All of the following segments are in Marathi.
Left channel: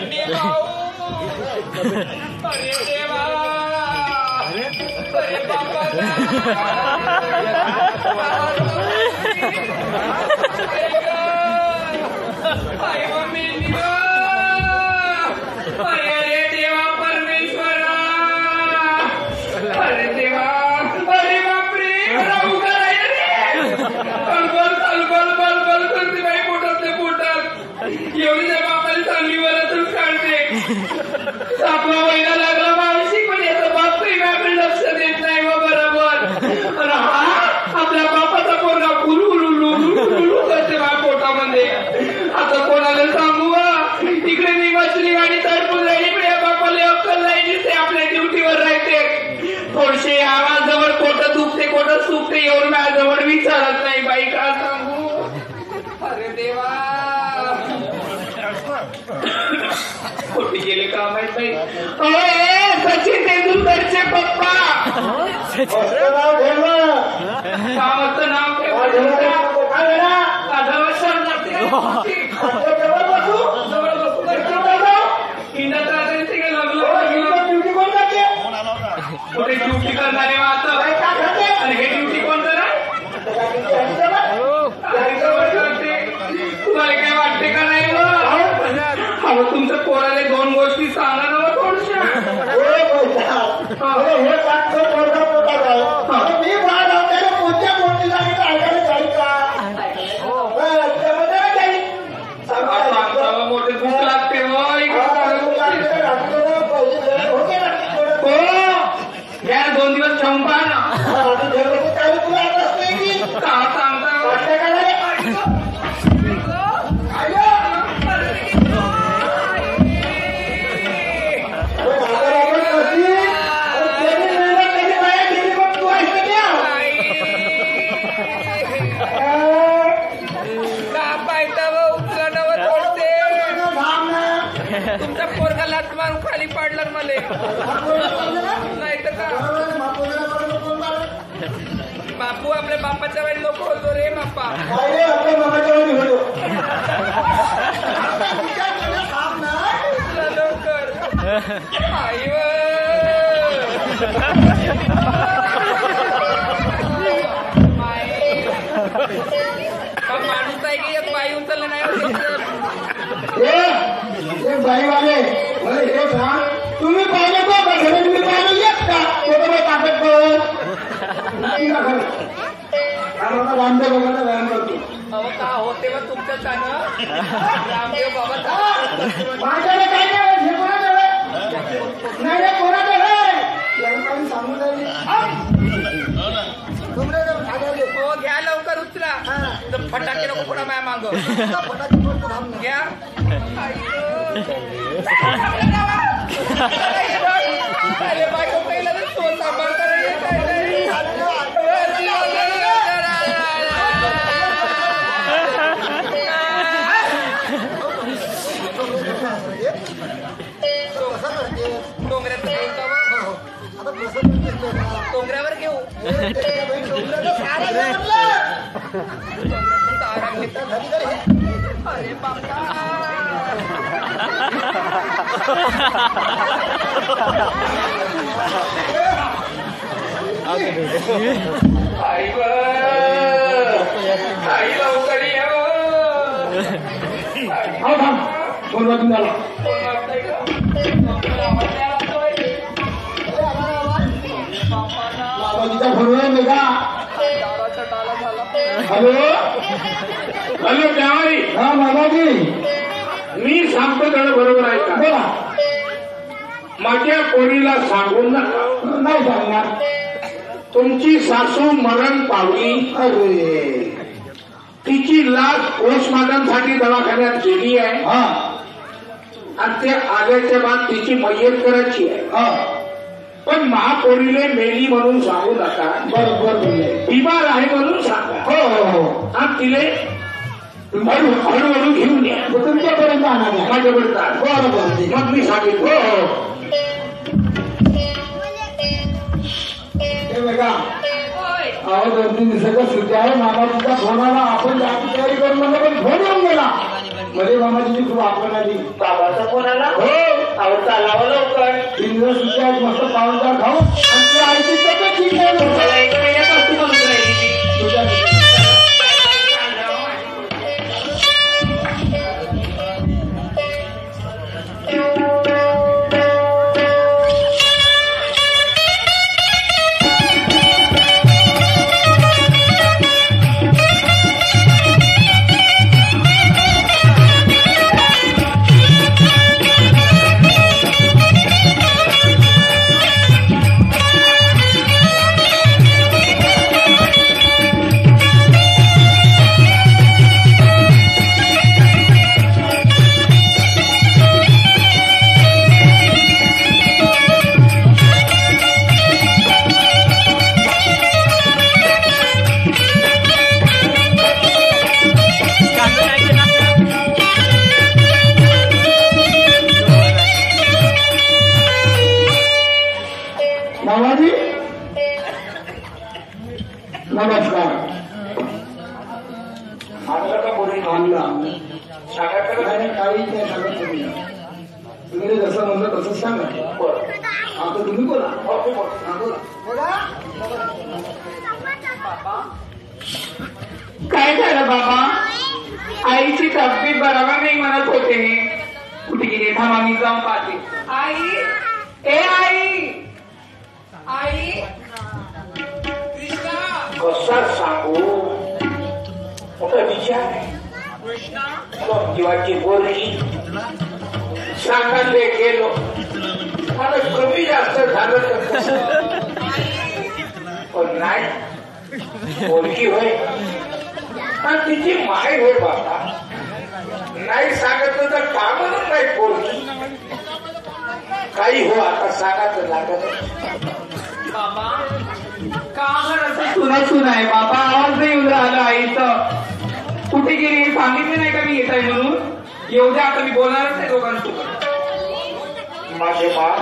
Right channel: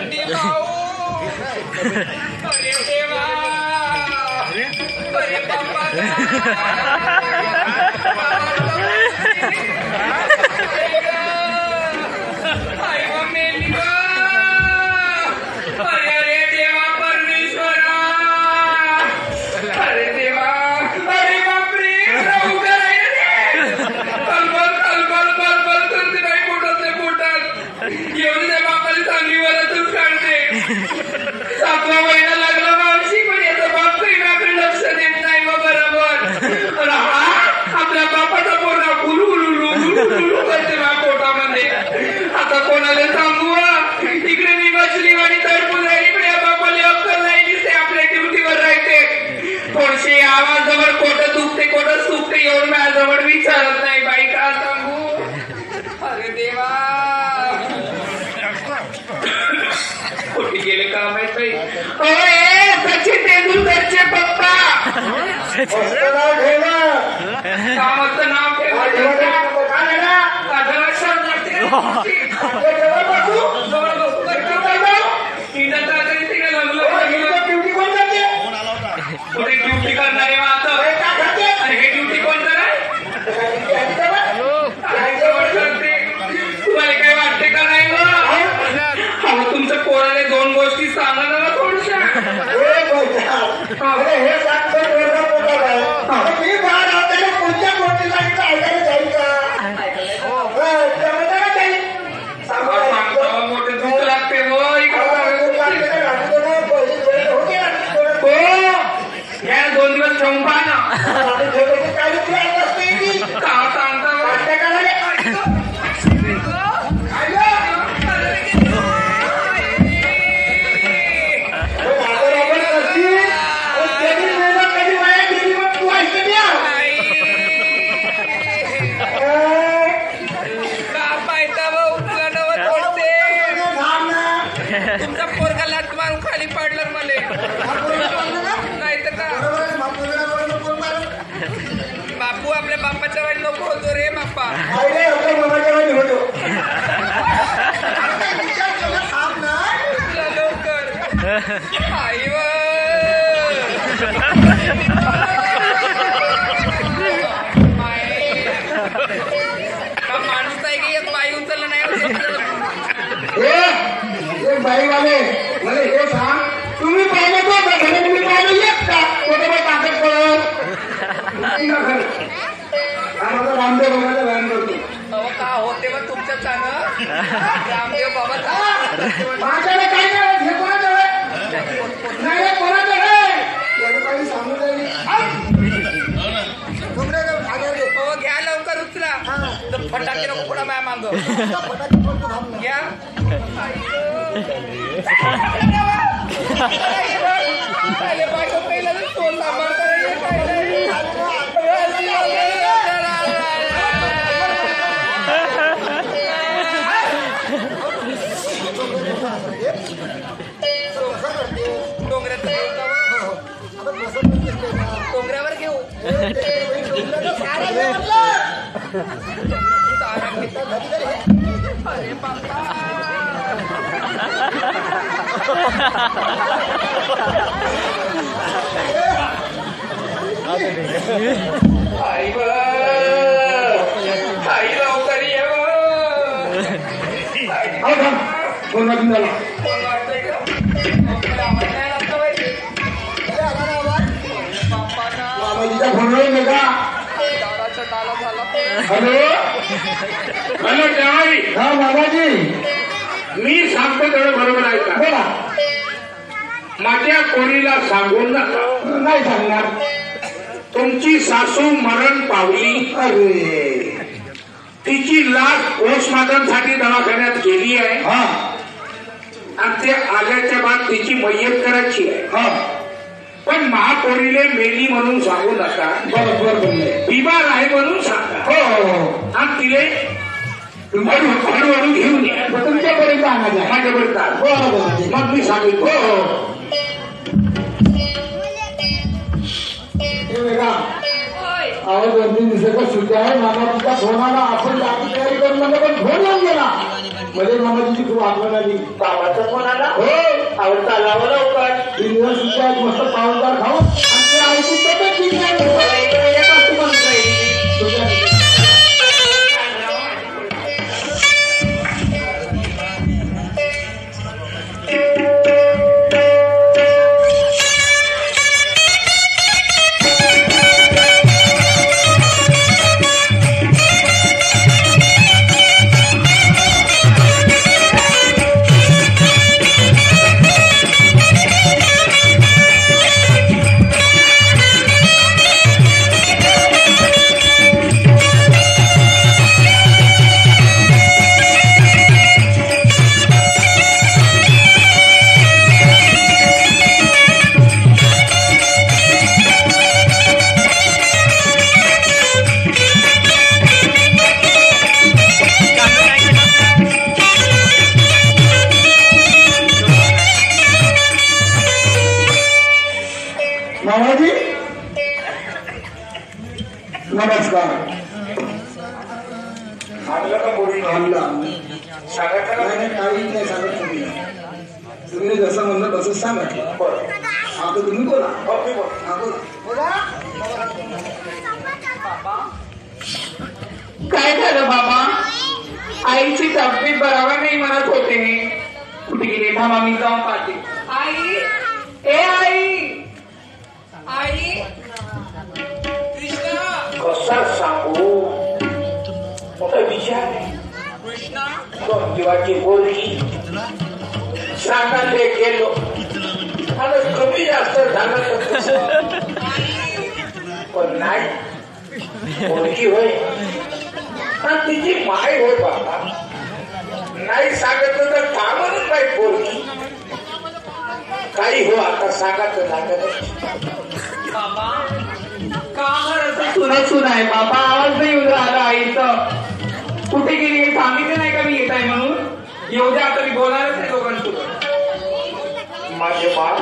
बंडी भाऊ अरे देवा अरे बाबा आई मम्मी अरे देवा परमेश्वरा अरे देवा अरे बापरे राहू करायला कलबल कलबल बलबल करते बाई पोटात एवढी त्या बापाने चांगली वरातून काढते 7वा महिना लागला मावशी पण याचा बाप प्रेमाकडे लक्ष देत नाही व बरोबर आपल्या बापाचा पोरगा गुलू करते बा पोटामध्ये आता कोणाला सांगू इकडे मी बसली गाडी तडपून राहिली इकडे बापाला अक्कल नाही दिसते आपल्या ड्युटीवर राहते थोडसे आवाजावर कोट दुखते कोटच दुखते एवढं माझ्याजवळ विचारत नाही बाई का सांगू अरे देवा कुठे गेले का माहिती सचिन तेंडुलकरचे पप्पा गावाचं नाव ड्युटी करणारे आता हे ड्युटी कोण कराय तुम्हाला काय वाटते का नाही मग तुमच्या पोराने 2 गोष्टी सांगा ना थोडशा मोठे दुःख लागते या 2 दिवस ठेवून पहा ना तुमचा पोरगा लात मारून खाली पाडलं मला नाही तर का बापू आपल्या बापाच्या वेळी नको होतो रे बाप्पा लवकर आई का माणूस आहे की यात बाई उचललं नाही बाईवाले मला हे सांग तुम्ही पाहिजे तो तुम्ही पाहिजे येत का कोणत्या ताकद रामदेव बाबाचा व्यायाम करतो अहो का होते मग तुमच्या चांगलं रामदेव बाबा माझ्याकडे काही नाही हे कोणाचं नाही कोणाचं आहे सांगून हो घ्या लवकर उचला फटाके नको पुढा माया मांग फटाके पडतो थांब घ्या बायको पहिला सोन सांभाळ डोंगऱ्यात घेऊ का डोंगऱ्यावर घेऊ तारा घेतात अरे बाप्पा आई लवकर हॅलो काय हा बाबाजी मी सांगतो तेवढं बरोबर आहे का बोला माझ्या कोणीला सांगून नका नाही सांगणार तुमची सासू मरण पावली अरे तिची लाश पोस्टमॉर्टमसाठी दवाखान्यात गेली आहे आणि ते आल्याच्या बाद तिची मय्यत करायची आहे पण महापोरीले मेली म्हणून सांगू नका बरोबर बोलले बिमार आहे म्हणून सांगा हो आणि तिले हळूहळू घेऊन या तुमच्यापर्यंत माझ्यापर्यंत बरोबर मग मी सांगेन हो हो अहो 2-3 दिवसाचा सुट्टी आहे मामाजीचा फोन आला आपण याची तयारी करू नका पण फोन येऊन गेला मध्ये मामाची खूप आठवण आली. बाबाचा फोन आला. हो आवडता लावा लवकर. 3 दिवस सुद्धा मस्त पावनदार खाऊन आणि त्या आईची तब्येत ठीक आहे. मामाजी नमस्कार. आणलं का बोली आणलं सांगा नाही काही नाही सांगत तुम्ही जसं म्हणलं तसं सांगा. आता तुम्ही बोला. बोला. काय झालं बाबा? आईची तब्येत बरोबर नाही म्हणत होते. कुठे गेले? थांबा मी जाऊन पाहते. आई, ए आई, आई, कृष्णा, कसा सांगू मोठा विचार आहे. कृष्णा, जीवाची बोलणी सांगायला गेलो आणि कमी जास्त झालं पण नाही बोलकी होय आणि तिची माय होय बाबा. नाही सांगितलं तर कामच नाही बोलकी. काही हो आता सांगायचं लागत. बाबा का असं सुनत आहे बाबा? आवाज नाही येऊ राहिला आईचं. कुठे गेली सांगितलं नाही का मी येत आहे म्हणून? येऊ द्या आता मी बोलणारच आहे दोघांसोबत. माझे बाळ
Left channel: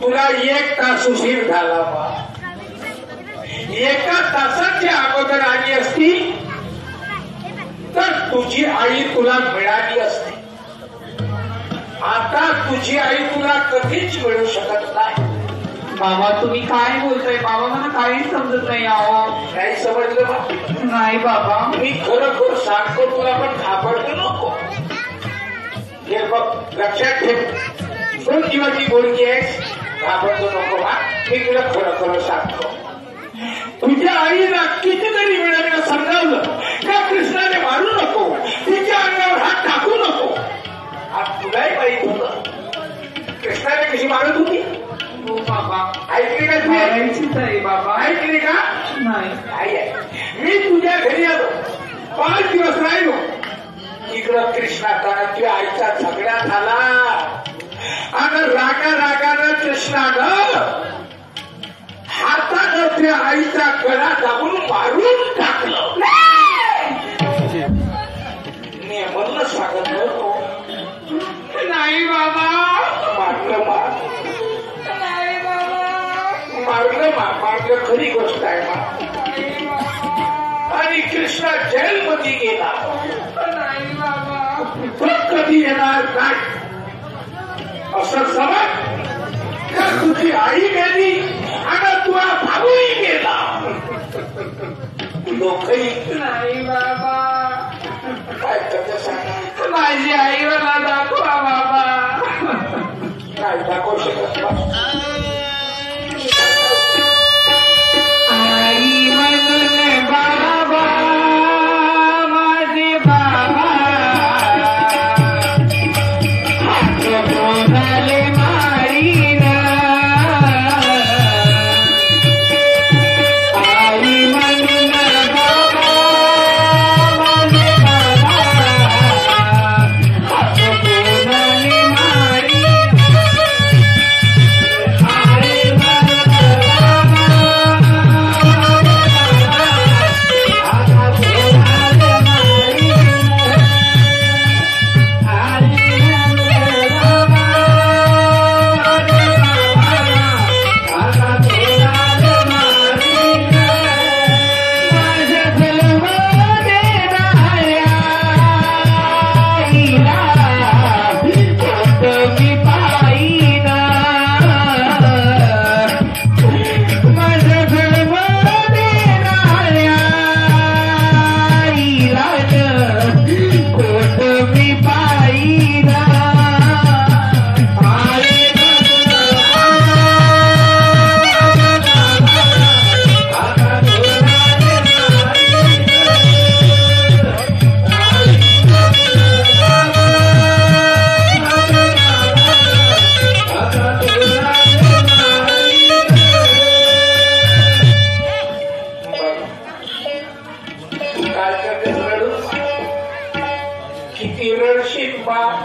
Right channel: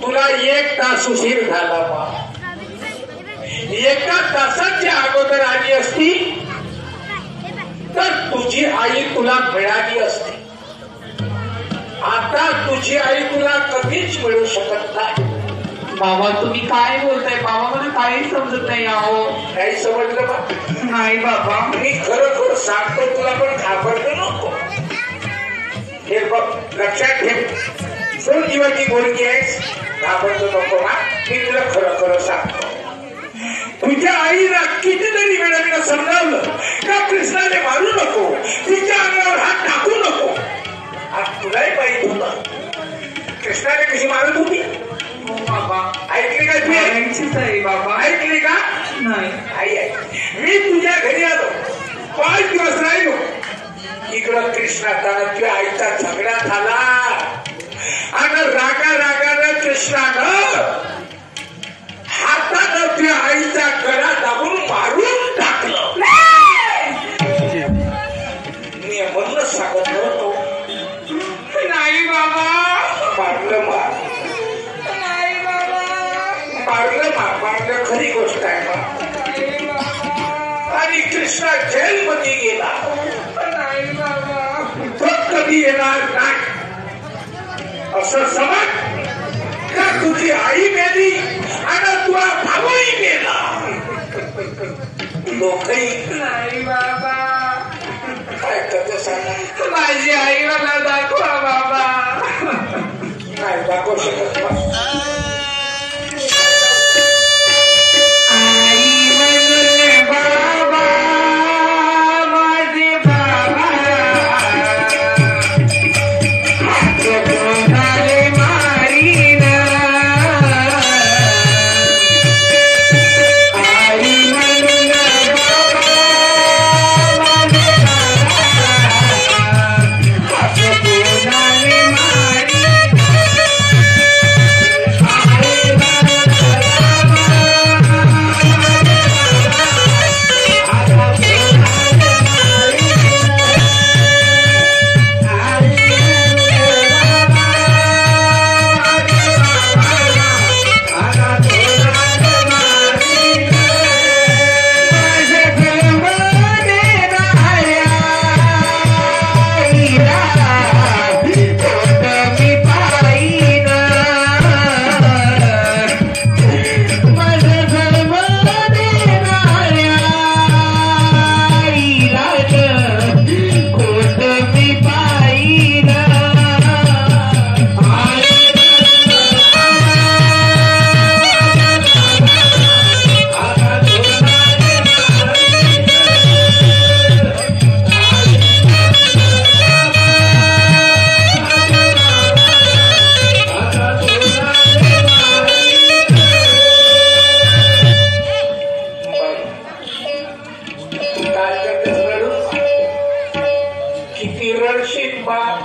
तुला 1 तास उशीर झाला बा. 1 तासाच्या अगोदर आली असती तर तुझी आई तुला मिळाली असती. आता तुझी आई तुला कधीच मिळू शकत नाही. बाबा तुम्ही काय बोलताय बाबा? मला काहीच समजत नाही. अहो नाही समजलं बा? नाही बाबा. मी खरोखर सांगतो तुला पण घाबरतो नको. हे बघ लक्षात ठेव. सोड जीवाची बोलकी आहेस घाबरतो नको बा. मी तुला खरं खरं सांगतो. तुझ्या आईला कितीतरी वेळा मी समजावलं का कृष्णाने मारू नको, तिच्या अंगावर हात टाकू नको. आज तुलाही माहित होतं कृष्णाने कशी मारत होती. हो बाबा. ऐकली का तुम्ही? ऐकायचीच आहे बाबा. ऐकली का? नाही. आई मी तुझ्या घरी आलो 5 दिवस राहिलो. इकडं कृष्णाचा तुझ्या आईचा झगडा झाला आणि रागानं कृष्णानं हातानं तुझ्या आईचा गळा दाबून मारून टाकलं. मी म्हणून सांगत नव्हतो. नाही बाबा. मारलं नाही बाबा. मारलं खरी गोष्ट आहे ना. नाही बाबा. आणि कृष्णा जेलमध्ये गेला. नाही बाबा. तो कधी येणार नाही असं समज का तुझी आई गेली आणि तुझा भाऊही गेला. लोकही नाही बाबा. काय करते सांग. माझी आई मला दाखवा बाबा. नाही दाखवू शकत बा. आई म्हणून बाबा माझे बाबा हात बोलाले मारीन. आई म्हणून बाबा माझे बाबा हात बोलाले मारीन.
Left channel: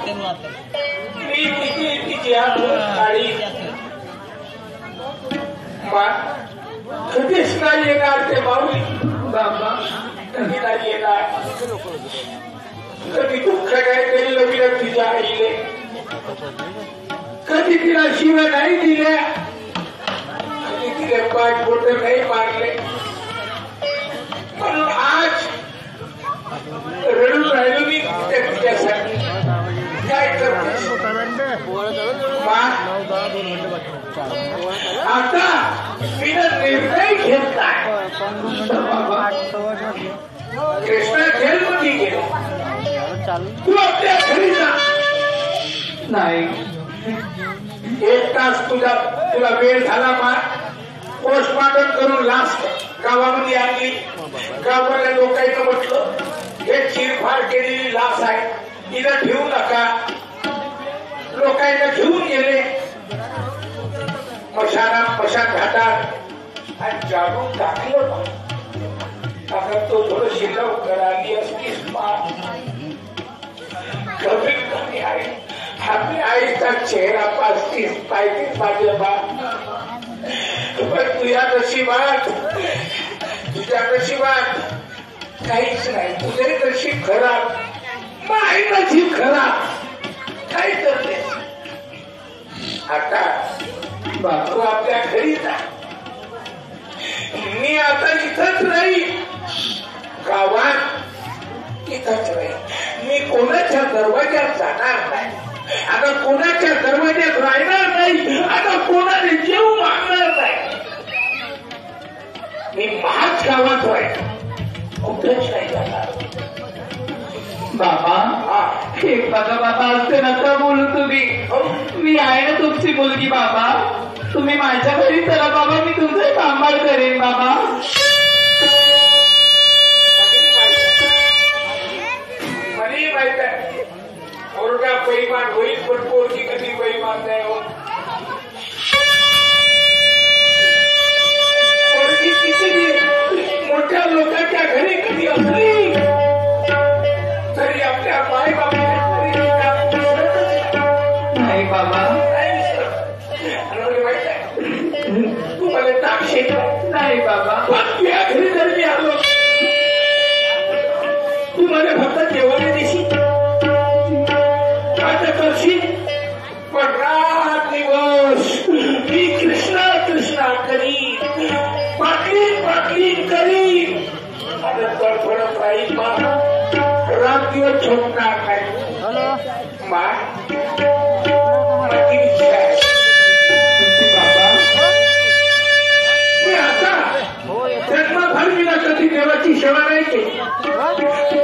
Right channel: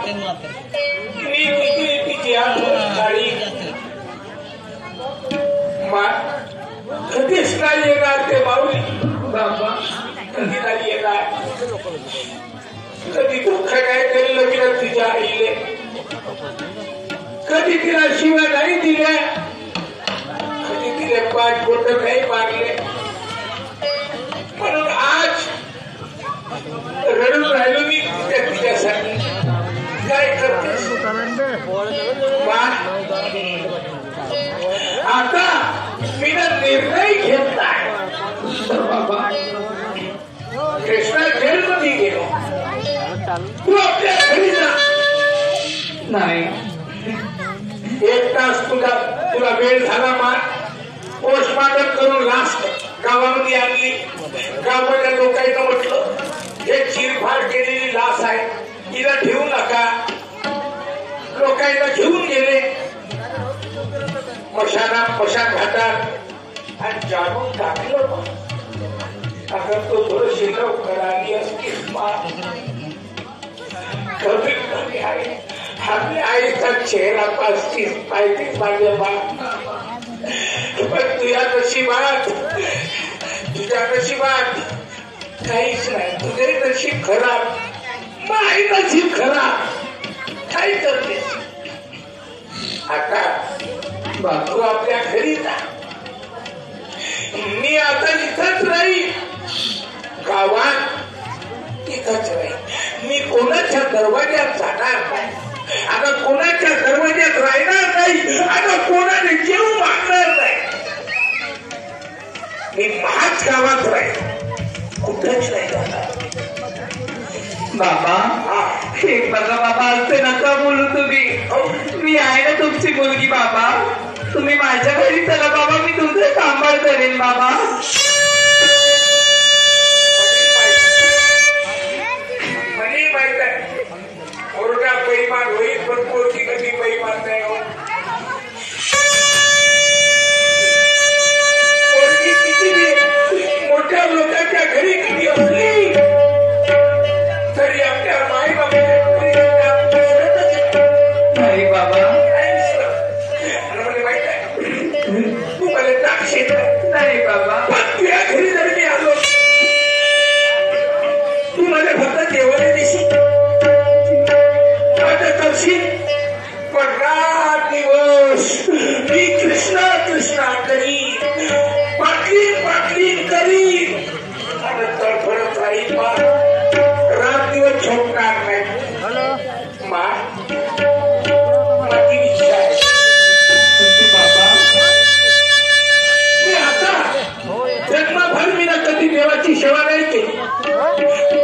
मी तिची साडी कधीच नाही येणार ते बावली बाबा, कधी नाही येणार. कधी दुःख नाही तरी लगेच तिच्या आईले, कधी तिला शिव्या नाही दिल्या, कधी तिला 5 बोट नाही मारले. म्हणून आज रडून राहिलो मी तिच्यासाठी. काय करतेस आता मी निर्णय घेतला. बाबा कृष्णा जेलमध्ये गेला, तू आपल्या घरी जा. नाही 1 तास तुला वेळ झाला. पोस्टमॉर्टम करून लाश गावामध्ये आणली. गावातल्या लोकांना म्हटलं हे चिरफाड केलेली लाश आहे, तिला ठेवू नका. लोकांना घेऊन गेले मशान घाटात आणि जाणून टाकलं. अगं तो थोडीशी लवकर आली असतीस कमीत कमी आहे आपल्या आईचा चेहरा पासतीस पाहिजेच माझ्या बाप. पण तुझ्या नशिबात काहीच नाही. तुझे नशीब खराब, माझी नशीब खराब. काय करतेस आता? तू आपल्या घरी जा. मी आता इथंच नाही, गावात इथंच नाही. मी कोणाच्या दरवाज्यात जाणार नाही, आता कोणाच्या दरवाज्यात राहणार नाही, आता कोणाने जेव मागणार नाही. मी माझ्याच गावात राहील, कुठेच नाही जाणार. बाबा हे बघा बाबा, असं नका बोलू तुम्ही. मी आहे ना तुमची मुलगी बाबा. तुम्ही माझ्या घरी चला बाबा, मी तुमचं सांभाळ करेन बाबा. मला माहित आहे मुलगा बेईमान होईल, पण पोरगी कधी बेईमान नाही होत. पोरगी किती मोठ्या लोकांच्या घरी कधी असली तरी आपल्या माई नाही बाबा. माहित आहे तू मला टाकशील नाही बाबा. तुझ्या घरी जर मी आलो, तू मला फक्त जेवण देशील, आता करशील. पण रात दिवस मी कृष्णा कृष्णा करी, पाटली करी, आता तडफडत राहील. रात दिवस झोपणार नाही. माझी इच्छा आहे बाबा मी आता जन्मभर मी ना कधी देवाची सेवा नाही केली,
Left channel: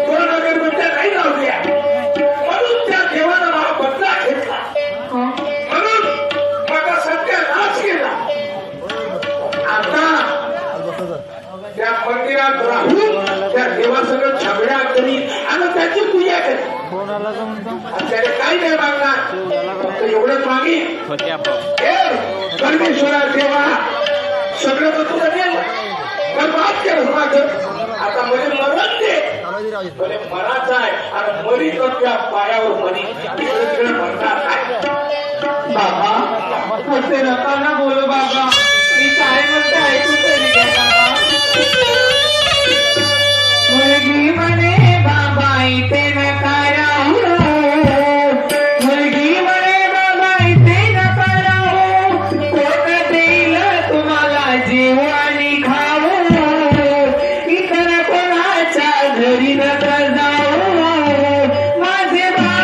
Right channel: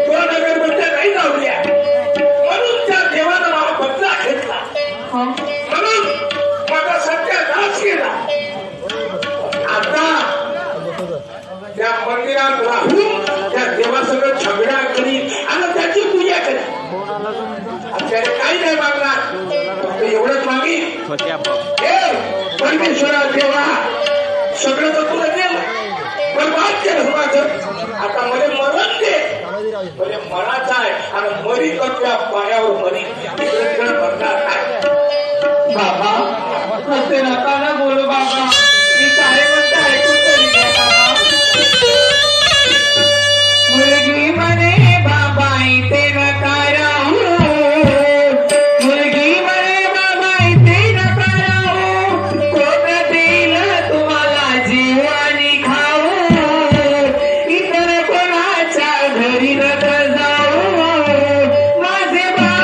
2 अगरबत्त्या नाही लावल्या, म्हणून त्या देवानं मला बदला घेतला, म्हणून माझा सत्य नाश केला. आता त्या मंदिरात राहून त्या देवासोबत झगडा करी आणि त्याची पूजा करी. आपल्याला काही नाही मागणार, फक्त एवढंच मागीन, परमेश्वरा देवा सगळं तर तुला गेलं, पण बात केलं माझं. आता मध्ये मरण दे, म्हणजे मनाचं आहे आणि मरी तर त्या पायावर मरी म्हणणार नाही. बाबा असे नका ना बोलू बाबा. मी काय म्हणते ऐकून तरी घ्या बाबा. मुलगी म्हणे बाबा इथे नका राहू, मुलगी म्हणे बाबा इथे नका राहू, कोण देईल तुम्हाला जीव आणि खाऊ, इतर कोणाच्या घरी नका जाऊ, माझे बाबा.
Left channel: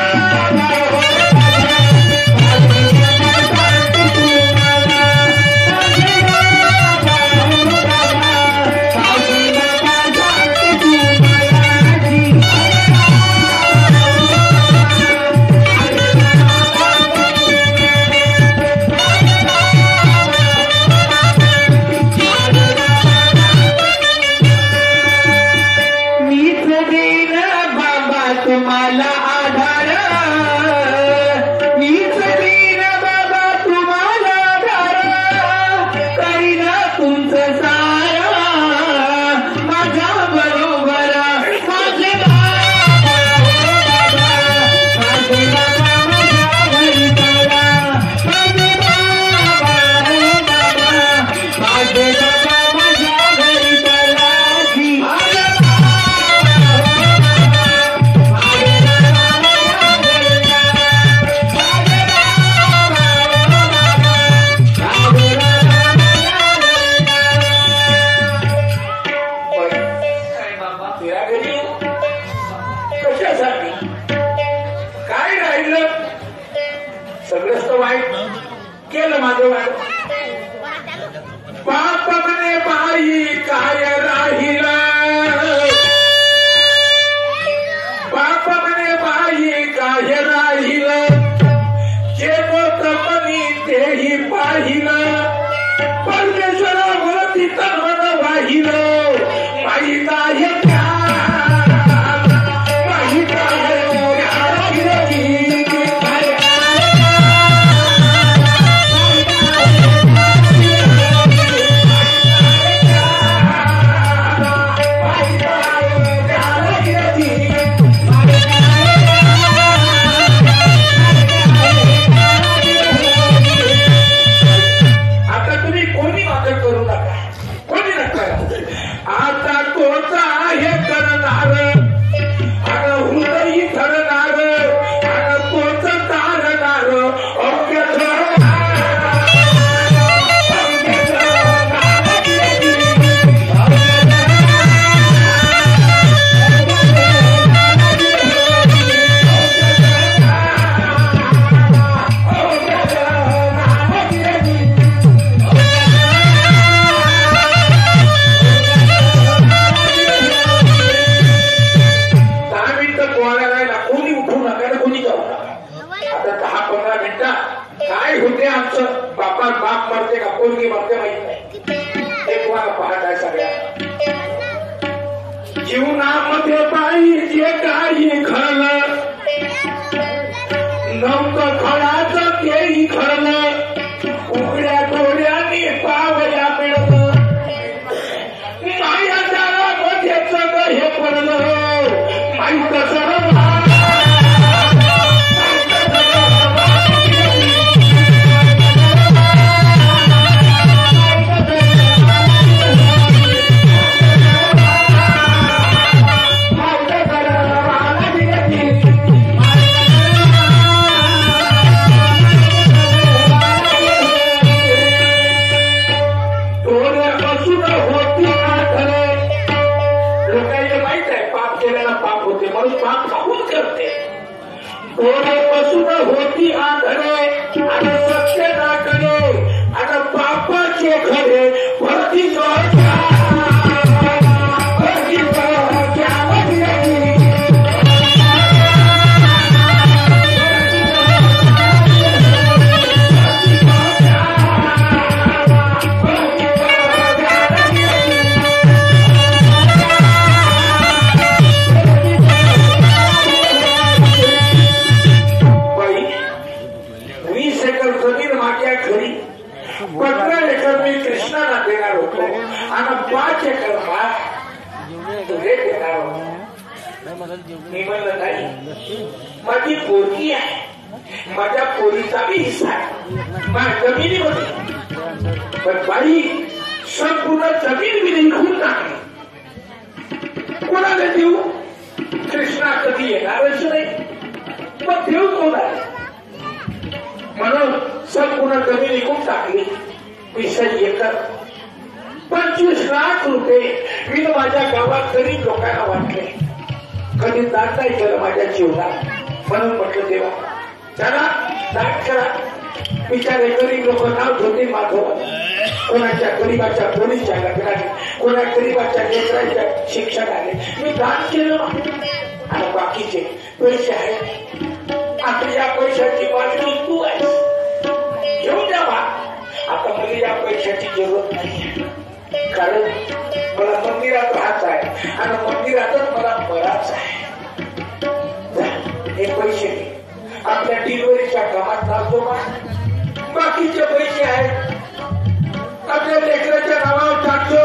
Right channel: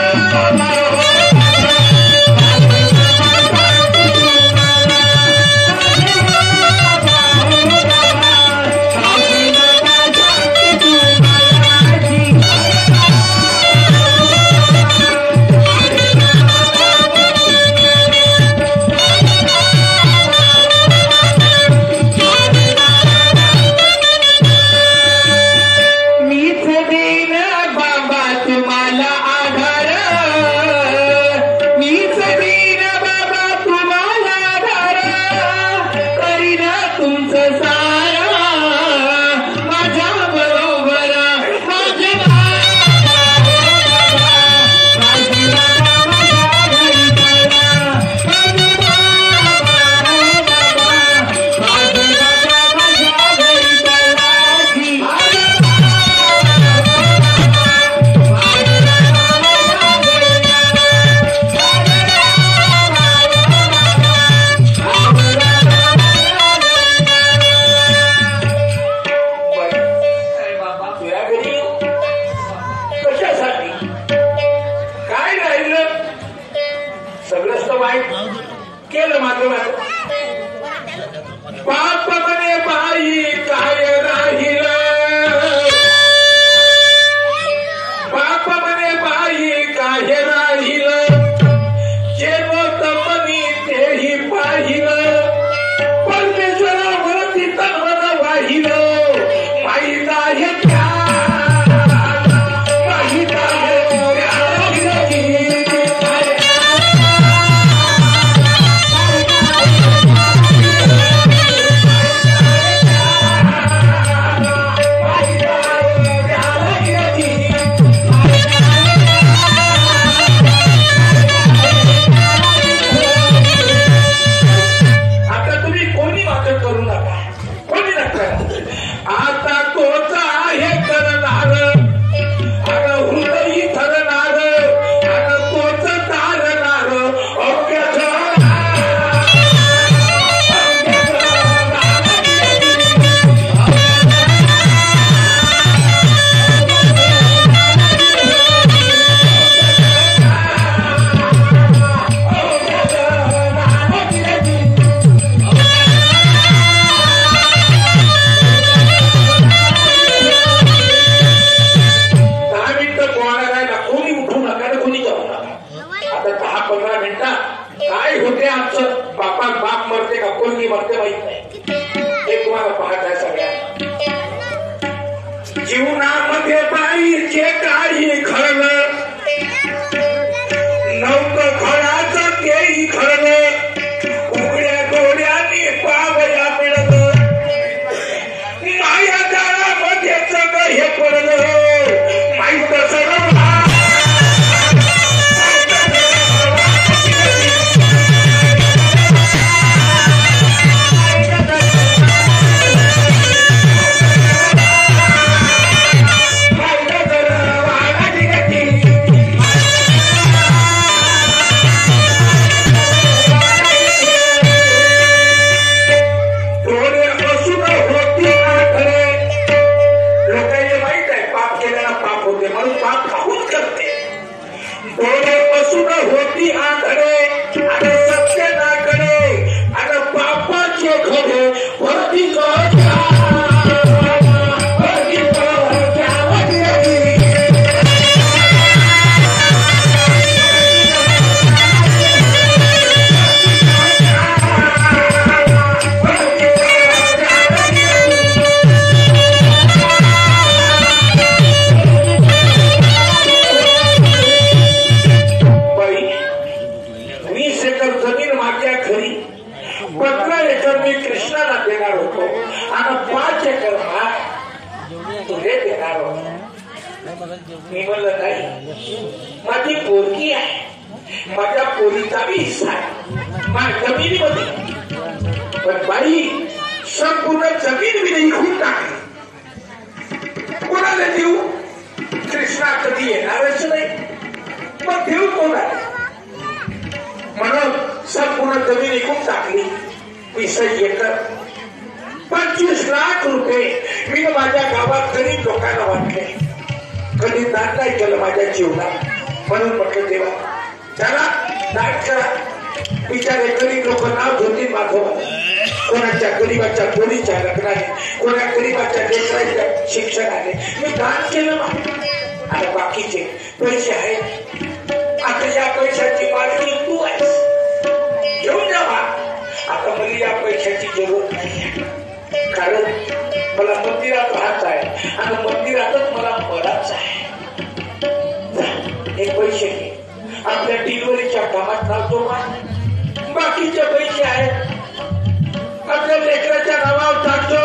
सगळंच तर वाईट केलं माझं वाईट. बाप म्हणे बाई काय राहिलं, बाप म्हणे बाई काय राहिलं, जे लोक म्हणी तेही पाहिलं, परमेश्वरावरती तन्मन वाहिलं, माहीत आहे का जीवनामध्ये बाईचे काही खरलं नव्हतं, खळाचं तेही खरलं, उघड्या डोळ्याने पावया मिळत, माया जाळामध्ये सगळं हे पडलं, माहीत सर्व होती आकडे आणि सत्य नाकडे आणि पापाचे खडे भरती मी म्हणलं नाही, माझी पोरगी आहे, माझ्या पोरीचा बी हिस्सा आहे माझ्या जमिनीमध्ये, पण बाई संपूर्ण जमीन मी विकून टाकली. कोणाला देऊ? कृष्णा कधी येणारच नाही, मग देऊ कोणाला? म्हणून संपूर्ण जमीन विकून टाकली. 20 एकर 25 लाख रुपये मी माझ्या गावात गरीब लोकांना वाटले. कधी दान नाही केलं माझ्या जीवनात, म्हणून म्हटलं देवा चला दान करा. बिचारे गरीब लोक नाव घेते माधव, कोणाच्या गरीबाच्या पोरीच्या लग्नाने, कोणा गरीबाच्या लेकराच्या शिक्षणाने मी दान केलं ना. आणि बाकीचे पैसे आहेत, आता या पैशाची मालकी तू आहेस, घेऊन जा बा. आता मला या पैशाची जरूरत नाही, कारण मला मंदिरात राहायचं आहे आणि मंदिरातच मला बराच आहे. हे पैसे आपल्या डिलिव्हरीच्या कामात लावतो, बाकीचे पैसे आहेत आपल्या लेकराच्या नावावर टाकतो.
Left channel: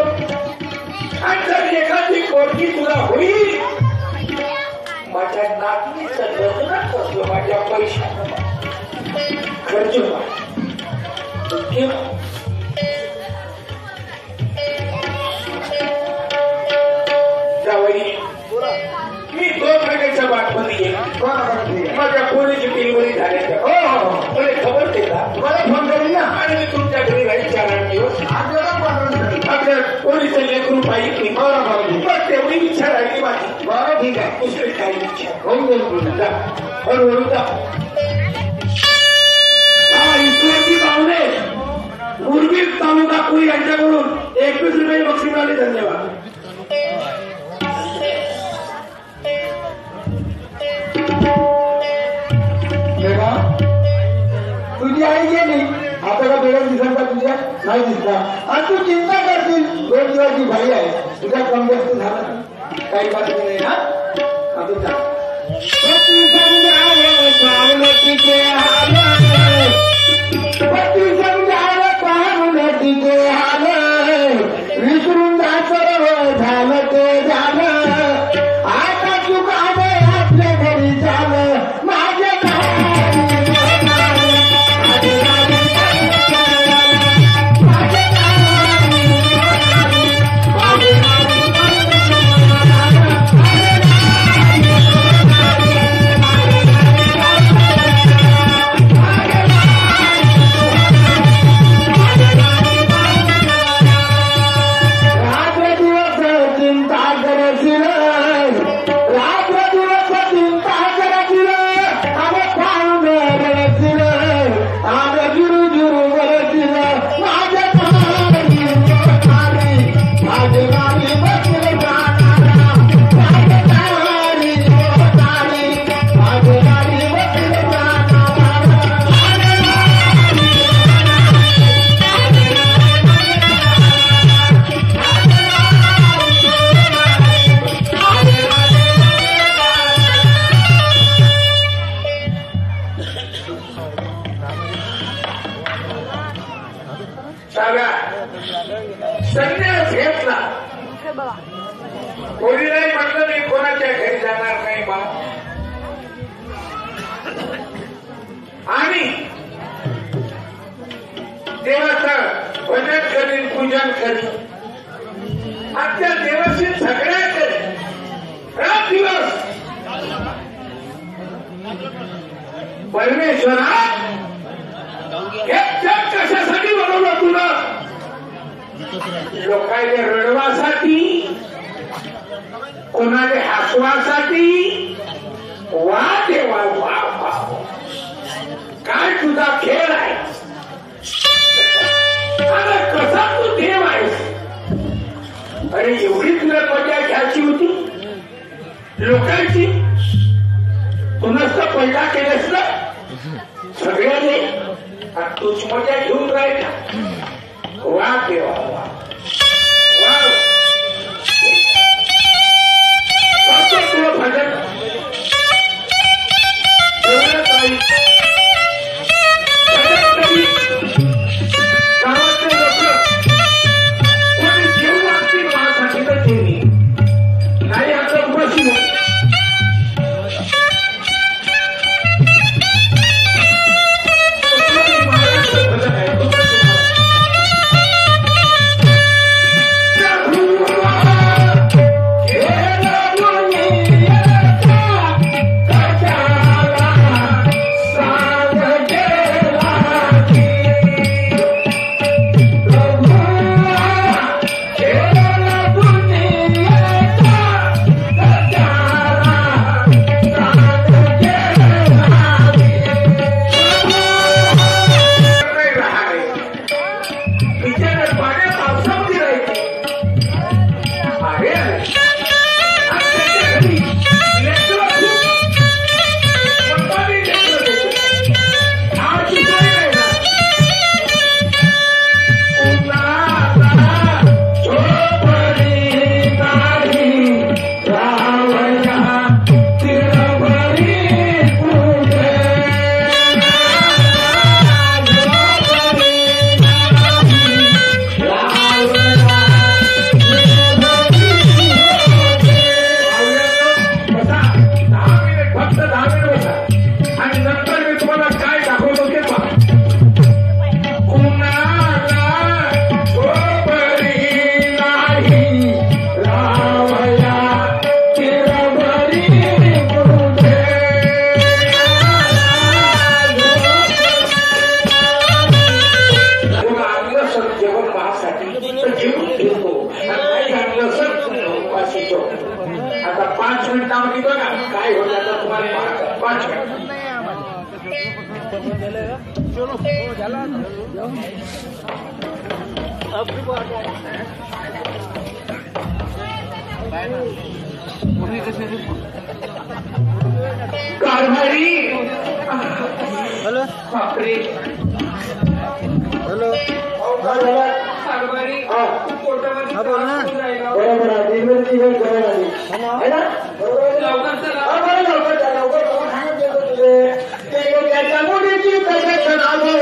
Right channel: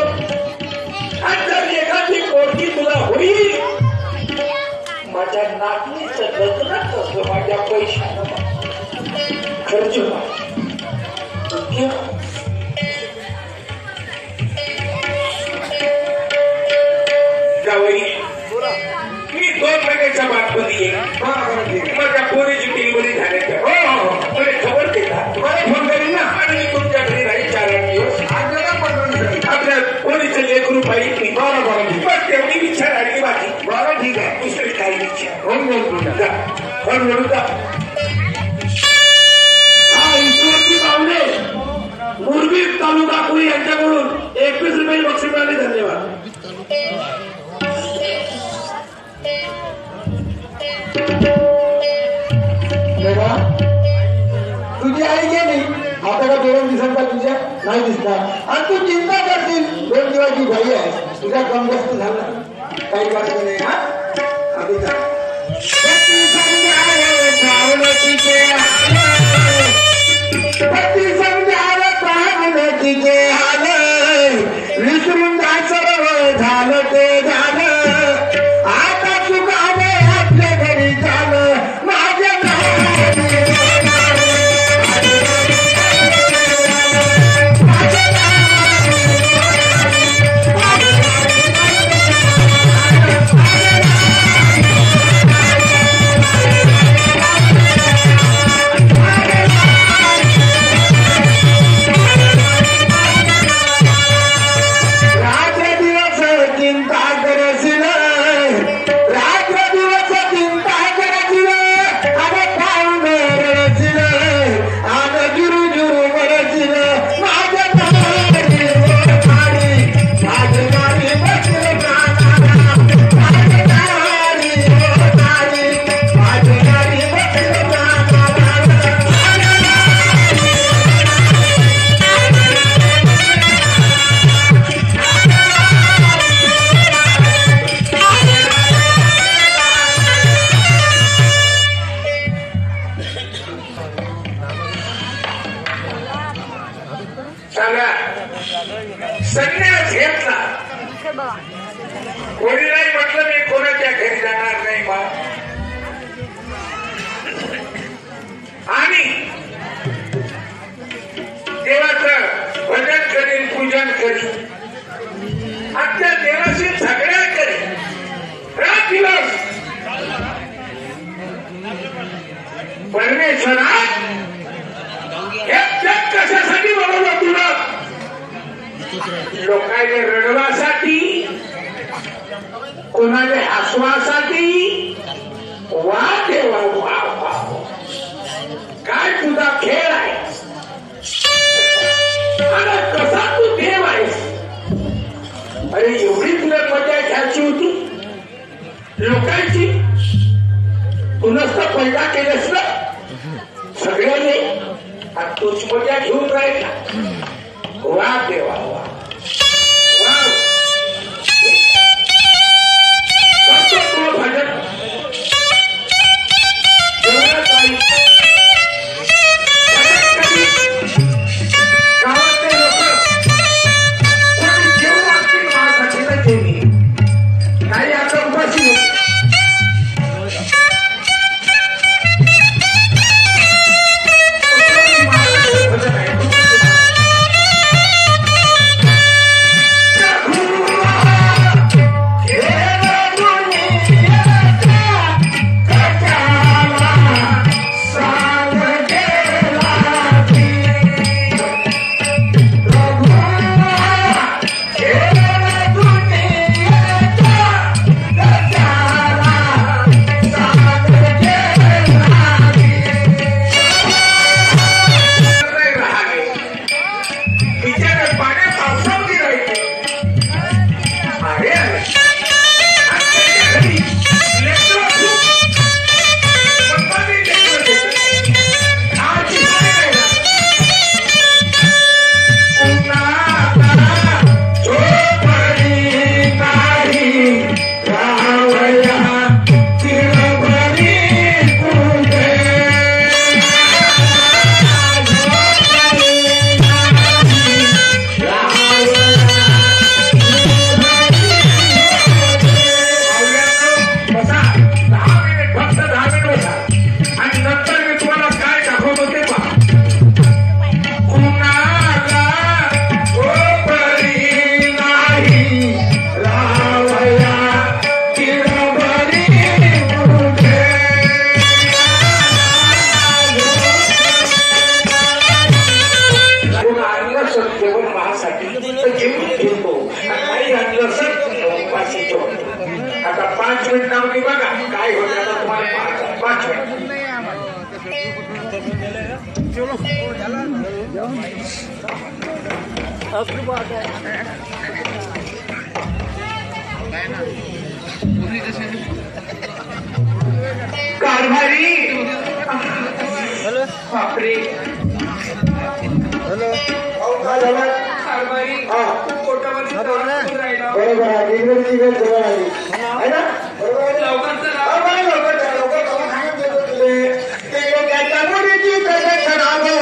आणि जर लेकराची पोरगी तुला होईल, माझ्या नातनीचं लग्न करतो माझ्या पैशानं, खर्च मी 2 महिन्याच्या बातमध्ये माझ्या पोरीची डिलिव्हरी झाली. हो तुला खबर केला, तुम्हाला फोन करेन ना. आणि मी तुमच्या घरी राहील 4 दिवस. आपल्या पोरीचं लेकरू पाहिजे, पण तेवढी इच्छा राहिली बाकी. बरं ठीक आहे, दुसरी काही इच्छा हळूहळू जा. उर्वीर तालुका कुळी यांच्याकडून 21 रुपये बक्षीस मिळाली. धन्यवाद. तुझी आई गेली आता का 2 दिवसांचा तुझ्या नाही दिसता आणि तू चिंता करशील 2 दिवसाची भाई आहे तुझ्या कम जास्त झालं काही बात नाही. हा अभिता पती समजावे तिचे हाल विसरून जा सर्व झालं ते झालं आता चुकावे आपल्या घरी झालं माझ्या संन्यास घेतला. कोणी नाही म्हटलं मी कोणाच्या घरी जाणार नाही बा. आणि देवाचं भजन करीन पूजन करीन आणि त्या देवाशी झगड्या करीन रात दिवस. परमेश्वरा हे जग कशासाठी बनवलं तुला? लोकांच्या रडवासाठी कोणाला हसवासाठी. वा देवा वा वा काय तुझा खेळ आहे आणि कसा तू देव आहेस. अरे एवढी तुला मजा घ्यायची होती लोकांची. तू नसतं पैदा केलंस ना सगळ्याने आणि तूच मजा घेऊन राहिला. वा देवा वा वा तुला भजन गावातले लोक कोणी जेवण लागतील माझ्यासाठी तर जेवणी नाही आता उपाशी कारभारी बापरे काय झालं? कारभारी हा. पोटामध्ये त्रास होऊन राहिला. बरोबर आहे. डिलिव्हरी जवळ आली. आहे ना? बरोबर आहे ना? लवकर चला. हा, बरं, लवकर जा, लवकर जाऊन सांगत देतो तुले. ते त्याच्या मुलीची प्रदक्षिणा आहे.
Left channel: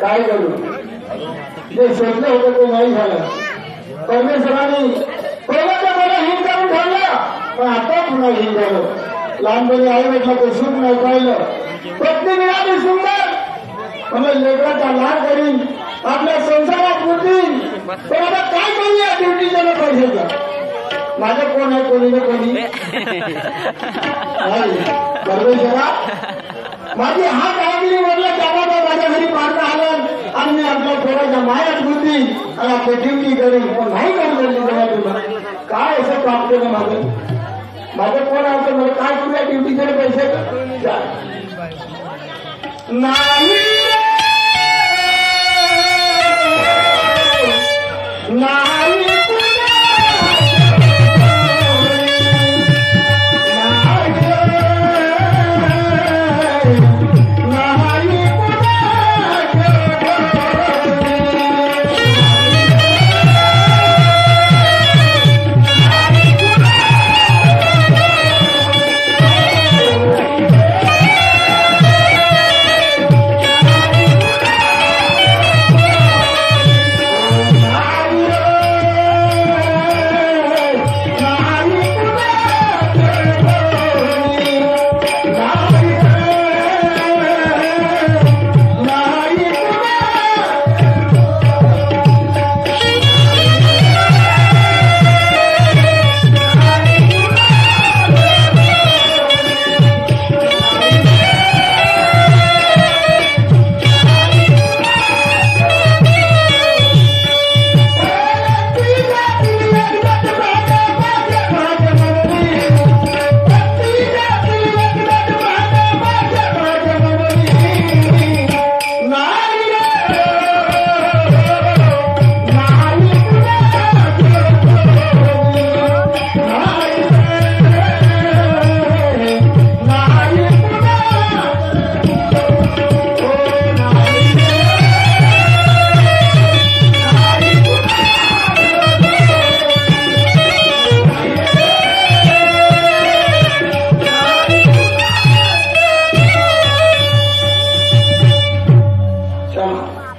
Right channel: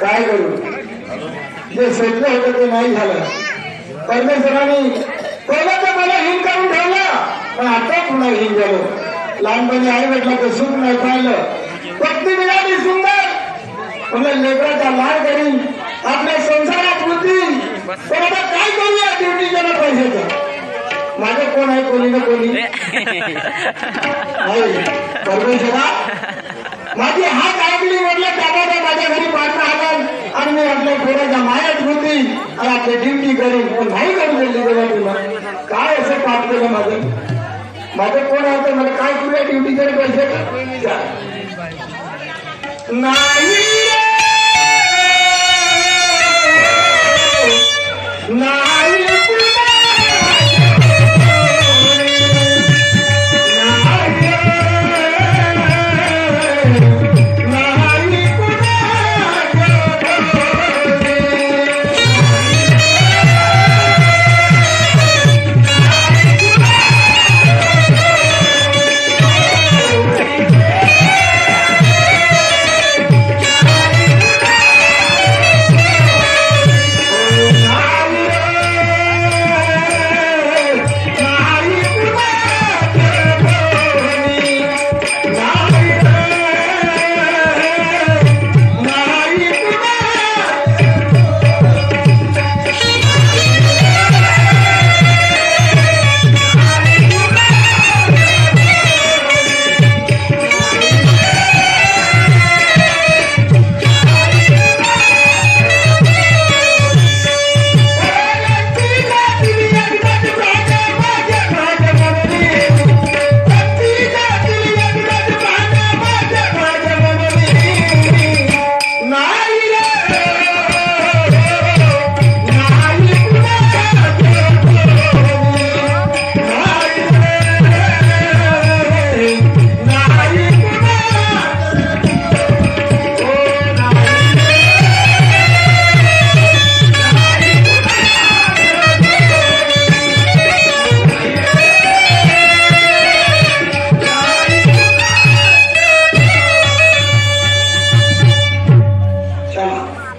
काय करू जे सत्य होतं ते नाही झालं. परमेश्वराने पहिल्यांदा मला हिंग करून ठेवलं पण आता पुन्हा हिंग झालं. लहानपणी आई म्हटलं तर सुख नाही पाहिलं. पत्नी मिळाली सुंदर म्हणून लेकराचा लाड करीन आपल्या संसारात होतील. पण आता काय करूया ड्युटीच्या पैशाचा. माझं कोण आहे कोणी ना कोणी परमेश्वरा माझी हात ऐकली म्हटलं त्यामध्ये माझ्या घरी पाठवं आलं आणि मी आपल्या पोराच्या मायात होती आणि आपली ड्युटी करीन. पण नाही करू दिली तेव्हा तुला काय असं पाप केलं माझं कोण आहे तर मला काय तुला ड्युटीचे पैसे नाही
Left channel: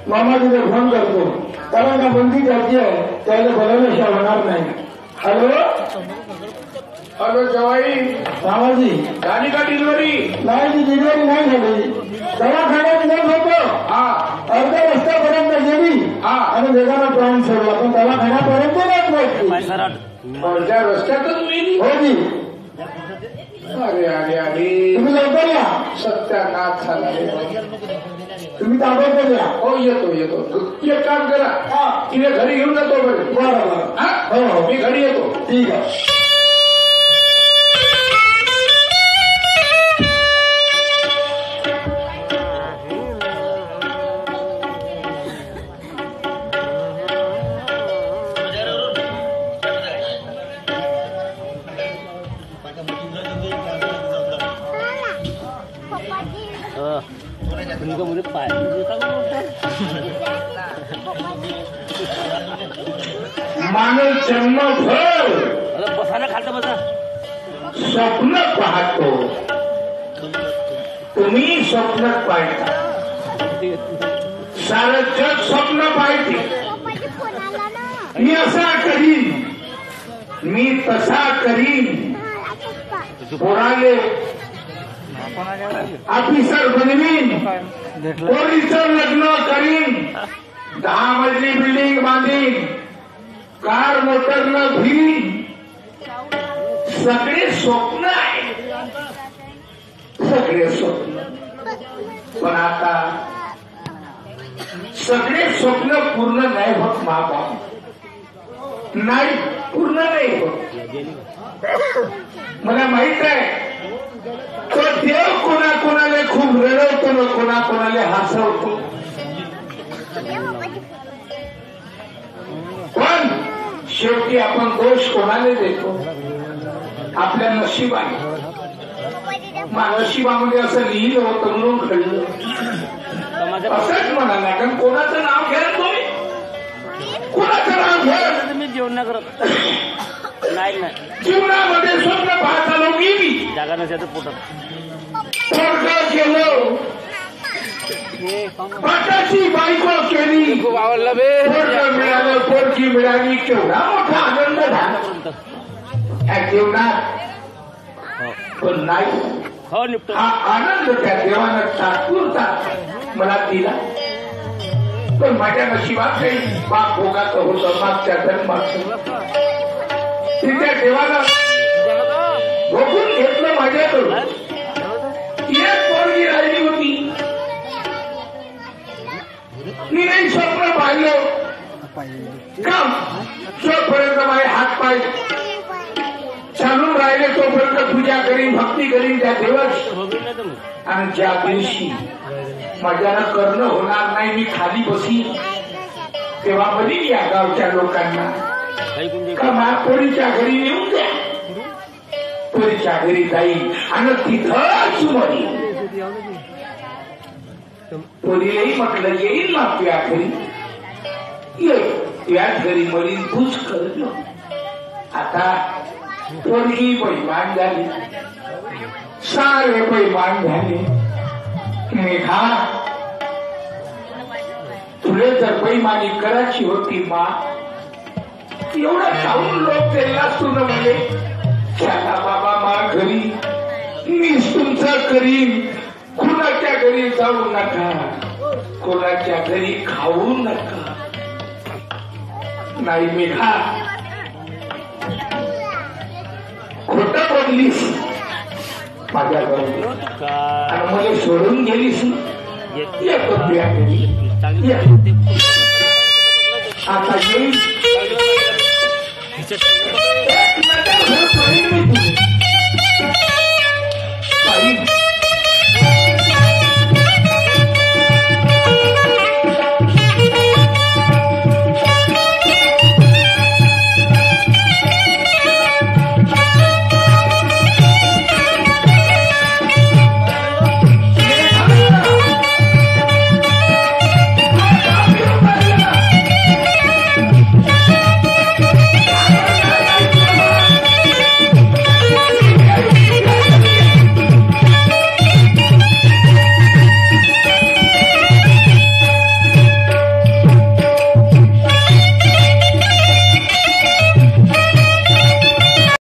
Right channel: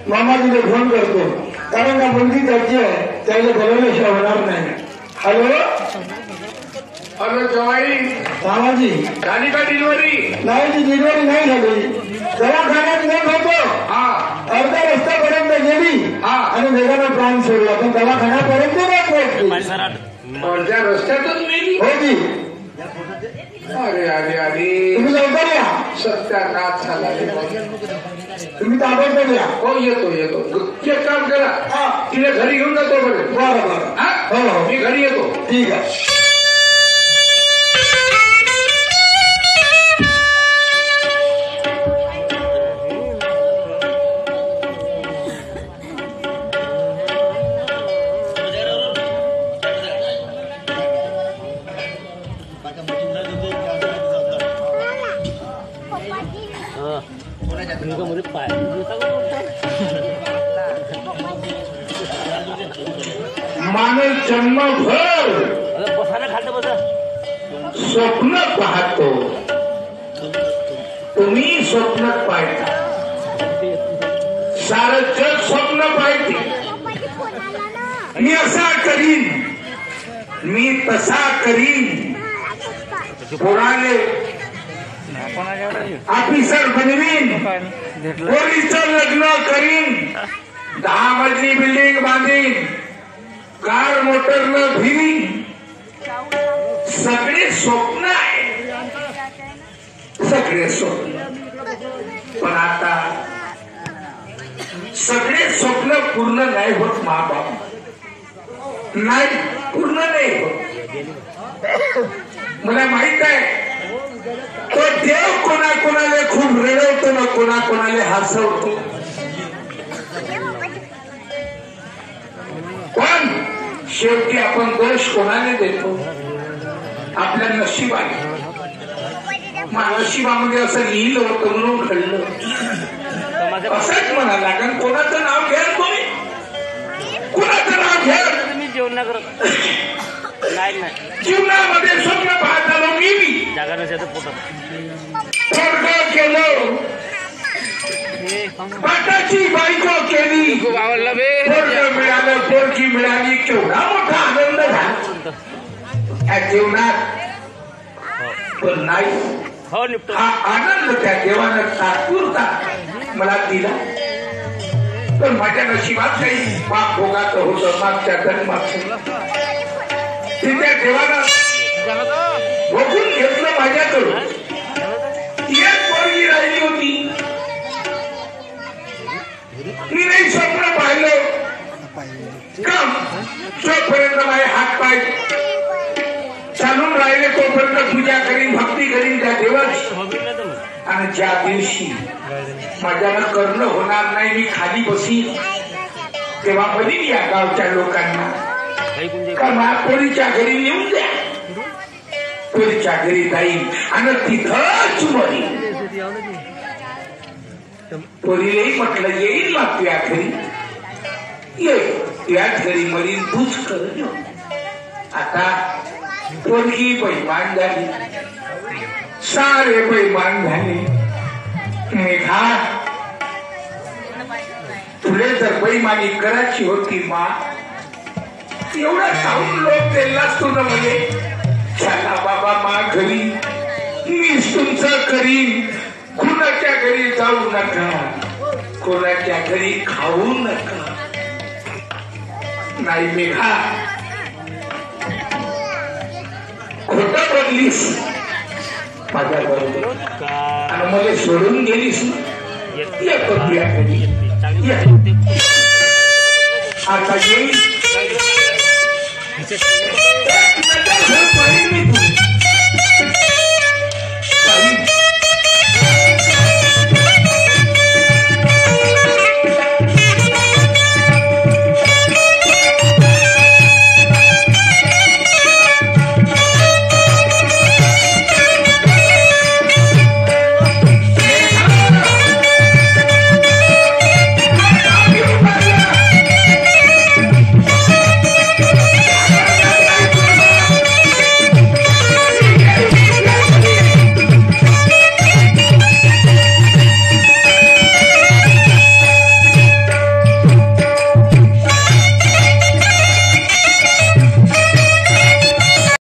मामाजीने फोन करतो कारण का मुलगी त्याची आहे त्याला बोलवल्याशिवाय होणार नाही. हॅलो हॅलो जवाई मामाजी झाली का डिलिव्हरी? नाही ती डिलिव्हरी नाही झाली. दवाखान्यात नेत होतो हा अर्ध्या रस्त्यापर्यंत गेली हा. आणि वेगाला प्राण सोडला पण दवाखान्यापर्यंत नाही एकटी अर्ध्या रस्त्यातच मेली. हो की अरे अरे अरे तुम्ही लवकर या. सत्यानाश झाला रे बाई. तुम्ही ताबडतोब या. हो येतो येतो. एक काम करा हा. तिला घरी घेऊन जातो बरं. बरं बरं. हा? हो हो मी घरी येतो. ठीक आहे. माणूस जन्मभर स्वप्न पाहतो. तुम्ही स्वप्न पाहता. सारं जग स्वप्न पाहते. मी असा करीन, मी तसा करीन, पोराले ऑफिसर बनवीन, पोरीचं लग्न करीन, 10 मजली बिल्डिंग बांधीन, कार मोटरनं फिरीन. सगळे स्वप्न आहे. सगळे स्वप्न. पण आता सगळे स्वप्न पूर्ण नाही होत. महाबाप नाही पूर्ण नाही होत. मला माहित आहे तो देव कोणाकोणाला खूप रडवतो ना कोणाकोणाला हसवतो. पण शेवटी आपण दोष कोणाला देतो? आपल्या नशिबाने. नशिबामध्ये असं लिहिलं होतं म्हणून घडलं असंच म्हणाला. कारण कोणाचं नाव घ्या तुम्ही, कोणाचं नाव घ्या. जीवनामध्ये स्वप्न पाहत आलो मी. पोरगं केलं, पाटाची बायको केली, पोरगं मिळालं, पोरगी मिळाली. केवढा मोठा आनंद झाला या जीवनात. पण नाही हा आनंद त्या देवानं तात्पुरता मला दिला. पण माझ्या नशिबात काही पाप भोगाचं होतं मागच्या जन्माचं. त्या देवानं बघून घेतलं माझ्याकडून. एक पोरगी राहिली होती. मी नाही स्वप्न पाहिलं का जोपर्यंत माझे हात पाय चालून राहिले तोपर्यंत पूजा करीन, भक्ती करीन त्या देवाची. आणि ज्या दिवशी माझ्यानं करणं होणार नाही, मी खाली बसी, तेव्हा म्हणीन या गावच्या लोकांना का महापोरीच्या घरी नेऊन द्या. पोरीच्या घरी जाईल आणि तिथंच मरीन. पोरीलाही म्हटलं येईल ना तुझ्या घरी, तुझ्याच घरी मरीन, तूच कर. आता पोरगी बैमान झाली, सारे बैमान झाले. मेघा तुले जर बैमानी करायची होती मा, एवढं खाऊन लोक तेलाच तुला म्हणे चला बाबा मा घरी, मीच तुमचं करीन. कुणाच्या घरी जाऊ नका, कोणाच्या घरी खाऊ नका. नाही मेघा खोटं बोललीस माझ्या बरोबर आणि मला सोडून गेलीस. येतो तुझ्या घरी, आता येईल.